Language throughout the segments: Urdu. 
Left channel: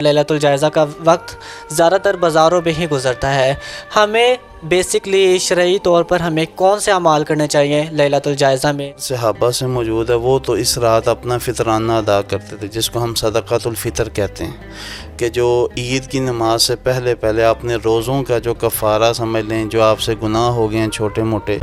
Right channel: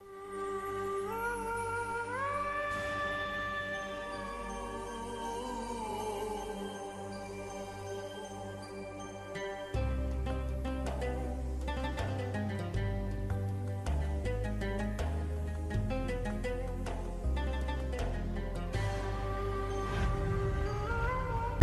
لیلۃ الجائزہ کا وقت زیادہ تر بازاروں میں ہی گزرتا ہے۔ ہمیں بیسکلی شرعی طور پر ہمیں کون سے اعمال کرنے چاہیے لیلۃ الجائزہ میں؟ صحابہ سے موجود ہے، وہ تو اس رات اپنا فطرانہ ادا کرتے تھے، جس کو ہم صدقۃ الفطر کہتے ہیں، کہ جو عید کی نماز سے پہلے اپنے روزوں کا جو کفارہ سمجھ لیں، جو آپ سے گناہ ہو گئے ہیں چھوٹے موٹے،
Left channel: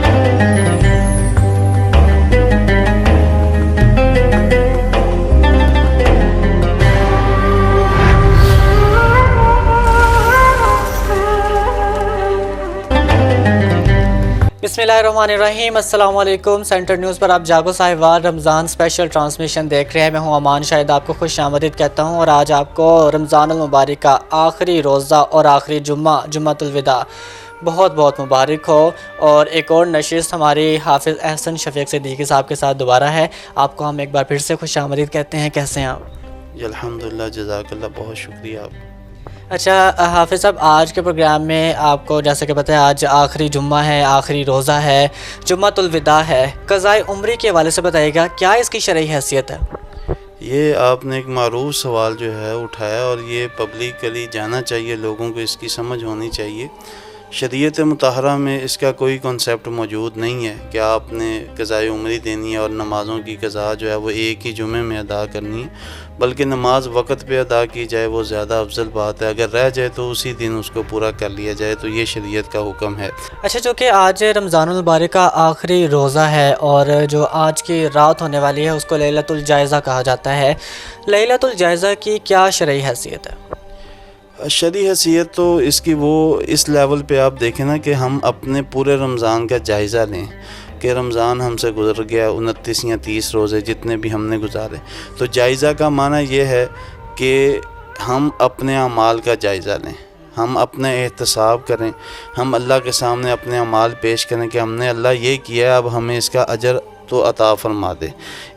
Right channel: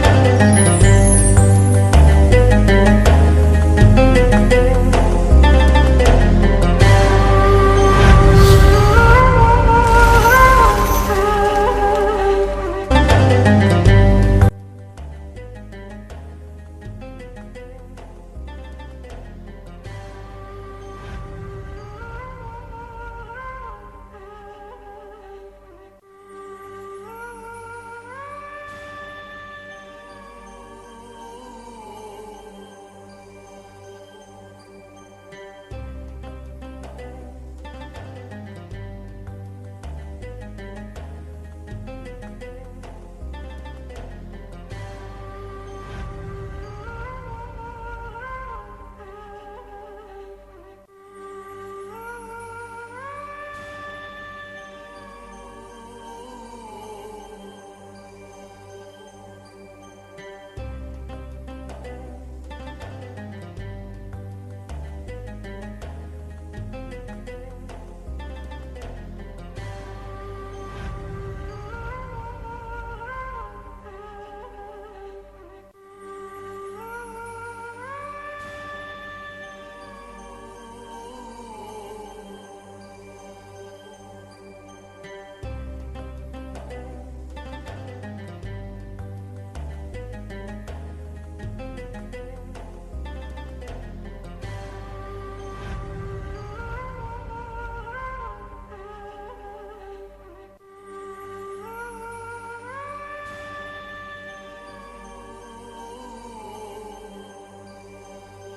بسم اللہ الرحمن الرحیم۔ السلام علیکم۔ سینٹر نیوز پر آپ جاگو صاحبان رمضان اسپیشل ٹرانسمیشن دیکھ رہے ہیں۔ میں ہوں امان شاہد، آپ کو خوش آمدید کہتا ہوں، اور آج آپ کو رمضان المبارک کا آخری روزہ اور آخری جمعۃ الوداع بہت بہت مبارک ہو۔ اور ایک اور نشست ہماری حافظ احسن شفیق صدیقی صاحب کے ساتھ دوبارہ ہے۔ آپ کو ہم ایک بار پھر سے خوش آمدید کہتے ہیں۔ کیسے ہیں آپ؟ جی الحمدللہ، جزاک اللہ، بہت شکریہ آپ۔ اچھا حافظ صاحب، آج کے پروگرام میں آپ کو جیسے کہ پتہ ہے آج آخری جمعہ ہے، آخری روزہ ہے، جمعۃ الوداع ہے۔ قضائے عمری کے حوالے سے بتائیے گا کیا اس کی شرعی حیثیت ہے؟ یہ آپ نے ایک معروف سوال جو ہے اٹھایا، اور یہ پبلکلی جانا چاہیے، لوگوں کو اس کی سمجھ ہونی چاہیے۔ شریعت مطہرہ میں اس کا کوئی کنسیپٹ موجود نہیں ہے کہ آپ نے قضائے عمری دینی ہے اور نمازوں کی قضا جو ہے وہ ایک ہی جمعے میں ادا کرنی ہے، بلکہ نماز وقت پہ ادا کی جائے وہ زیادہ افضل بات ہے۔ اگر رہ جائے تو اسی دن اس کو پورا کر لیا جائے، تو یہ شریعت کا حکم ہے۔ اچھا، چونکہ آج رمضان المبارک کا آخری روزہ ہے اور جو آج کی رات ہونے والی ہے اس کو لیلۃ الجائزہ کہا جاتا ہے۔ لیلۃ الجائزہ کی کیا شرعی حیثیت ہے؟ شرعی حیثیت تو اس کی وہ اس لیول پہ آپ دیکھیں نا کہ ہم اپنے پورے رمضان کا جائزہ لیں کہ رمضان ہم سے گزر گیا، 29 یا 30 روزے جتنے بھی ہم نے گزارے، تو جائزہ کا معنی یہ ہے کہ ہم اپنے اعمال کا جائزہ لیں، ہم اپنے احتساب کریں، ہم اللہ کے سامنے اپنے اعمال پیش کریں کہ ہم نے اللہ یہ کیا ہے، اب ہمیں اس کا اجر تو عطا فرما دے۔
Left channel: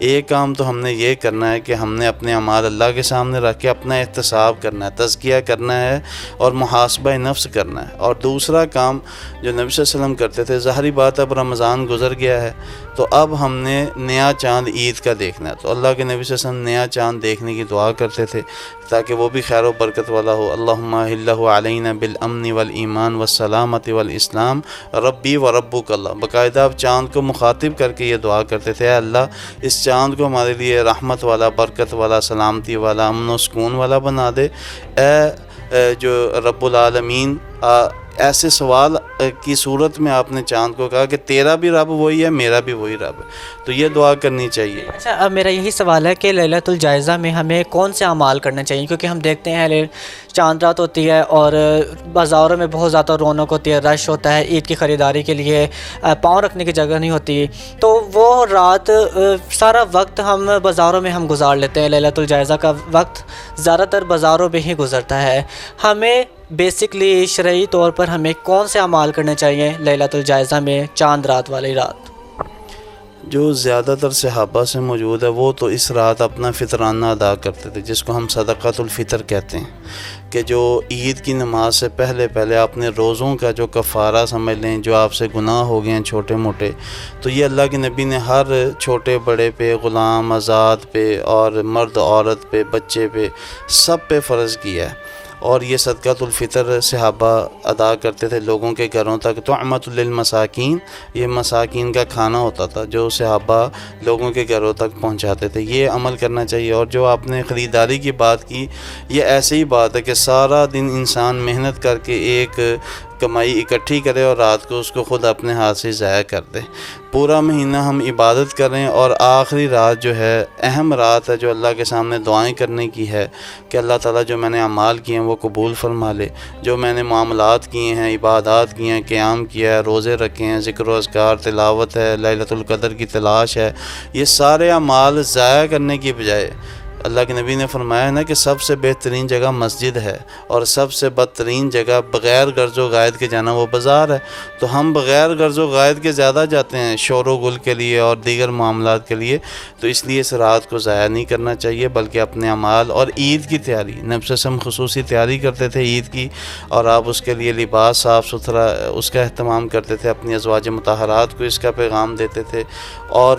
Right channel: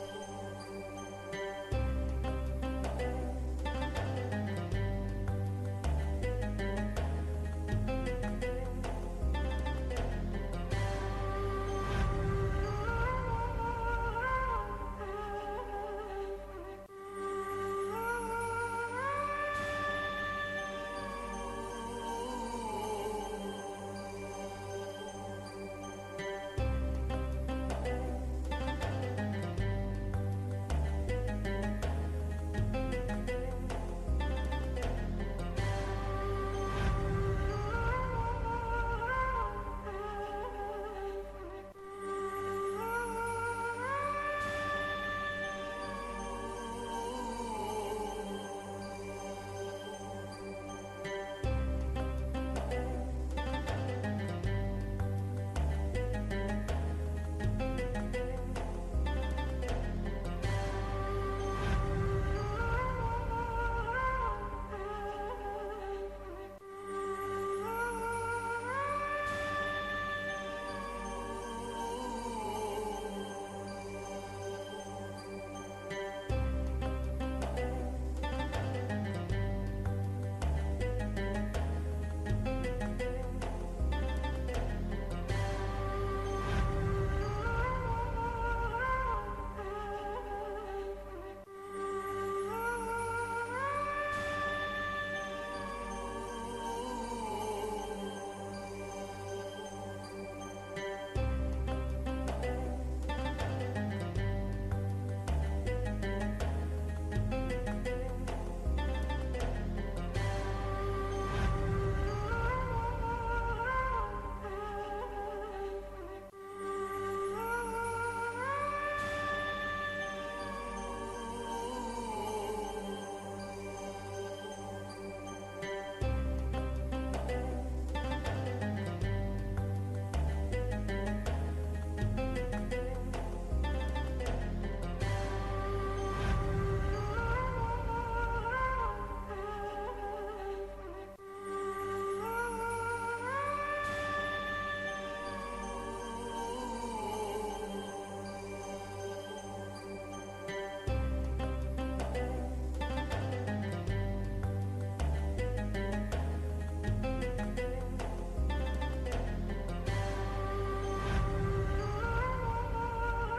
ایک کام تو ہم نے یہ کرنا ہے کہ ہم نے اپنے اعمال اللہ کے سامنے رکھ کے اپنا احتساب کرنا ہے، تزکیہ کرنا ہے اور محاسبہ نفس کرنا ہے۔ اور دوسرا کام جو نبی صلی اللہ علیہ وسلم کرتے تھے، ظاہری بات اب رمضان گزر گیا ہے تو اب ہم نے نیا چاند عید کا دیکھنا ہے، تو اللہ کے نبی صلی اللہ علیہ وسلم نیا چاند دیکھنے کی دعا کرتے تھے تاکہ وہ بھی خیر و برکت والا ہو۔ اللہم اہلہ علینا بالامن والایمان والسلامت والاسلام ربی و ربک اللہ، باقاعدہ آپ چاند کو مخاطب کر کے یہ دعا کرتے تھے، اے اللہ اس چاند کو ہمارے لیے رحمت والا، برکت والا، سلامتی والا، امن و سکون والا بنا دے، اے جو رب العالمین۔ ایسے سوال کی صورت میں آپ نے چاند کو کہا کہ تیرا بھی رب وہی ہے، میرا بھی وہی رب ہے، تو یہ دعا کرنی چاہیے۔ اچھا، اب میرا یہی سوال ہے کہ لیلۃ الجائزہ میں ہمیں کون سے اعمال کرنے چاہیے؟ کیونکہ ہم دیکھتے ہیں چاند رات ہوتی ہے اور بازاروں میں بہت زیادہ رونق ہوتی ہے، رش ہوتا ہے، عید کی خریداری کے لیے پاؤں رکھنے کی جگہ نہیں ہوتی، تو وہ رات سارا وقت ہم بازاروں میں ہم گزار لیتے ہیں۔ لیلۃ الجائزہ کا وقت زیادہ تر بازاروں میں ہی گزرتا ہے۔ ہمیں بیسکلی شرعی طور پر ہمیں کون سے اعمال کرنے چاہیے لیلۃ الجائزہ میں، چاند رات والی رات؟ جو زیادہ تر صحابہ سے موجود ہے وہ تو اس رات اپنا فطرانہ ادا کرتے تھے، جس کو ہم صدقۃ الفطر کہتے ہیں، کہ جو عید کی نماز سے پہلے اپنے روزوں کا جو کفارہ سمجھ لیں، جو آپ سے گناہ ہو گئے ہیں چھوٹے موٹے، تو یہ اللہ کے نبی نے ہر چھوٹے بڑے پہ، غلام آزاد پہ، اور مرد عورت پہ، بچے پہ، سب پہ فرض کیا ہے۔ اور یہ صدقۃ الفطر صحابہ ادا کرتے تھے لوگوں کے گھروں تک، طعمۃ للمساکین، یہ مساکین کا کھانا ہوتا تھا جو صحابہ لوگوں کے گھروں تک پہنچاتے تھے، یہ عمل کرنا چاہیے۔ اور جو آپ نے خریداری کی بات کی، یہ ایسی ہی بات ہے کہ سارا دن انسان محنت کر کے ایک کمائی اکٹھی کرے اور رات کو اس کو خود اپنے ہاتھ سے ضائع کر دے۔ پورا مہینہ ہم عبادت کریں اور آخری رات جو ہے اہم رات ہے جو اللہ کے سامنے دعائیں کرنے کی ہے کہ اللہ تعالیٰ جو میں نے اعمال کیے ہیں وہ قبول فرما لے، جو میں نے معاملات کیے ہیں، عبادات کیے ہیں، قیام کیا ہے، روزے رکھے ہیں، ذکر و اذکار، تلاوت ہے، لیلۃ القدر کی تلاش ہے، یہ سارے اعمال ضائع کرنے کی بجائے اللہ کے نبی نے فرمایا ہے نا کہ سب سے بہترین جگہ مسجد ہے اور سب سے بدترین جگہ بغیر غرض و غائد کے جانا وہ بازار ہے، تو ہم بغیر غرض و غائد کے زیادہ جاتے ہیں شور و گل کے لیے اور دیگر معاملات کے لیے، تو اس لیے اس رات کو ضائع نہیں کرنا چاہیے، بلکہ اپنے اعمال اور عید کی تیاری، نبی صلی اللہ علیہ وسلم خصوصی تیاری کرتے تھے عید کی، اور آپ اس کے لیے لباس صاف ستھرا اس کا اہتمام کرتے تھے، اپنی ازواج مطہرات کو اس کا پیغام دیتے تھے، اور